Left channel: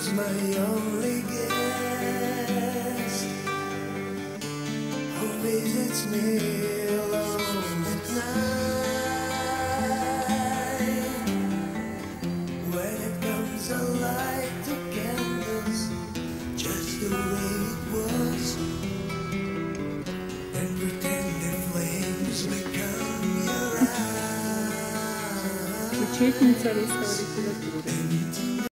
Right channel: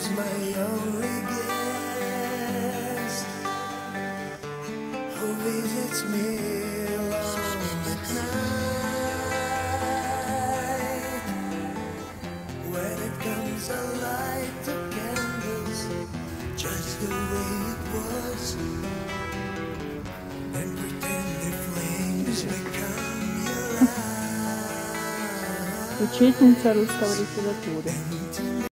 who's my only guest, who visits me alone at night. When it comes, I light the candles just the way it was, and pretend the flames become your eyes. Учительница русского литературы.